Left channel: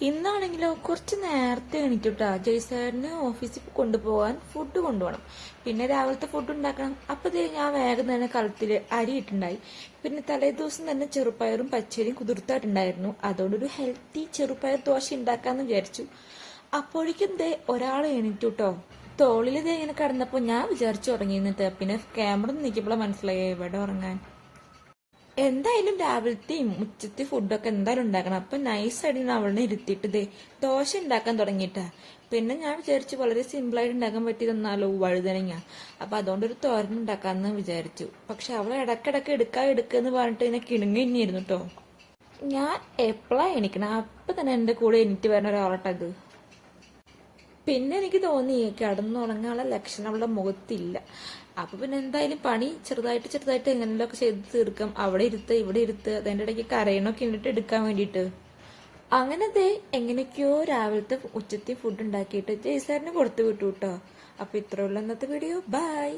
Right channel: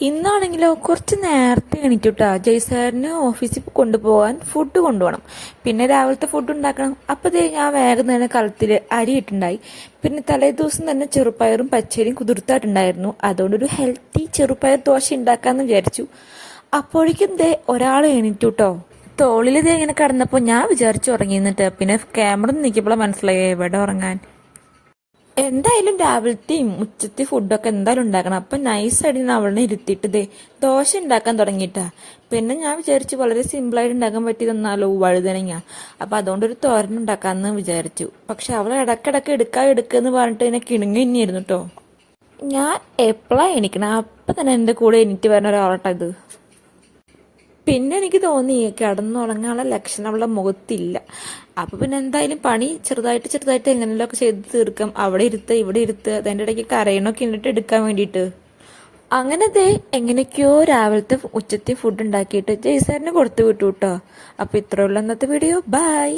ഇന്നാണെങ്കിലോ കുറച്ച് നേരത്തെ എണീറ്റുട്ടാ. ജയ്സാറിന് ഓഫീസിൽ കൊണ്ടുപോകാൻ ഫുഡ് കൊണ്ടുപോകണം. പിന്നെ രാവിലത്തെ ഫുഡ് ഉണ്ടാക്കണം. അപ്പതേ ഞാൻ വേഗം തന്നെ കളത്തിൽ അരി ഇട്ടുണ്ടായി. പിന്നെ തലേ ദിവസം തന്നെ ചെറുപ്പയറും പച്ചരിയും കുതിർത്തായിട്ടുണ്ടായിരുന്നു. അതുകൊണ്ടൊരു ഹെൽത്തി ചെറുപ്പയർ ദോശ ഉണ്ടാക്കാന്ന് വിചാരിച്ചു. അപ്പോഴേക്കും ദേ ഒരാൾ എണീറ്റുട്ടോ. തോളിൽ ദേ ഇങ്ങനെ കിടന്നപ്പോൾ ഞാൻ വിചാരിച്ചു ഉറങ്ങിന്നിട്ട്. പിന്നെ ക്യാമറ നീക്കിയപ്പോൾ മനസ്സിലായി എവിടെ ഉറങ്ങാൻ. എന്തായാലും രാവിലത്തെയും ഉച്ചത്തെ ഫുഡൊക്കെ എന്തായാലും ഉണ്ടാക്കണം. അപ്പൊ നൈസായിട്ട് അവളെ ഇരുത്തിയിട്ട് ദേ ദോശ ഉണ്ടാക്കാൻ തുടങ്ങിയിട്ടാ. പിന്നെ ഞാൻ വിചാരിച്ചു വളരെ സിമ്പിളായിട്ട് ഉണ്ടാക്കാൻ പറ്റി തന്നാലോ വഴുതനങ്ങ. അപ്പൊ അതുകൊണ്ടൊരു തോരൻ ഉണ്ടാക്കാന്ന് വിചാരിച്ചു. പക്ഷെ അവൾ ഇടക്കിടക്ക് എടുക്കാന്ന് പറഞ്ഞിട്ട് എന്നെ കിണുങ്ങി തന്നെയായിരുന്നു കേട്ടോ. ഞാൻ എപ്പോഴാ എണീക്കണം അപ്പൊ തന്നെ എന്റെ കൂടെ എണീറ്റ് വരുന്ന ഒരാളാട്ടോ ഇത്. പിന്നെ എനിക്ക് തോന്നി കിടന്നുറങ്ങാനുള്ള ലക്ഷണം അവളുടെ മുഖത്തില്ല. അപ്പൊ പിന്നെ എന്തായാലും പണി ചെറുതായിട്ട് എങ്ങനെയൊക്കെ ചെയ്ത് തീർക്കാം. അവിടെ ഇരുത്ത് ഇവിടെ ഇരുത്ത് അതിൻ്റെ ഇടയ്ക്ക് കരയണൊക്കെ ഇണ്ടിട്ട് എടുക്കാൻ വേണ്ടിയിട്ട്. അങ്ങനെ ദേ എങ്ങനെയൊക്കെയോ രാവിലത്തെ ഉച്ചത്തെ ഫുഡ് ഉണ്ടാക്കിയിട്ട് ജയ്സാറിന് കൊടുത്തു വിട്ടു കേട്ടോ. അപ്പൊ ഇത്രയുള്ള ഇന്നത്തെ വീഡിയോ. ബൈ.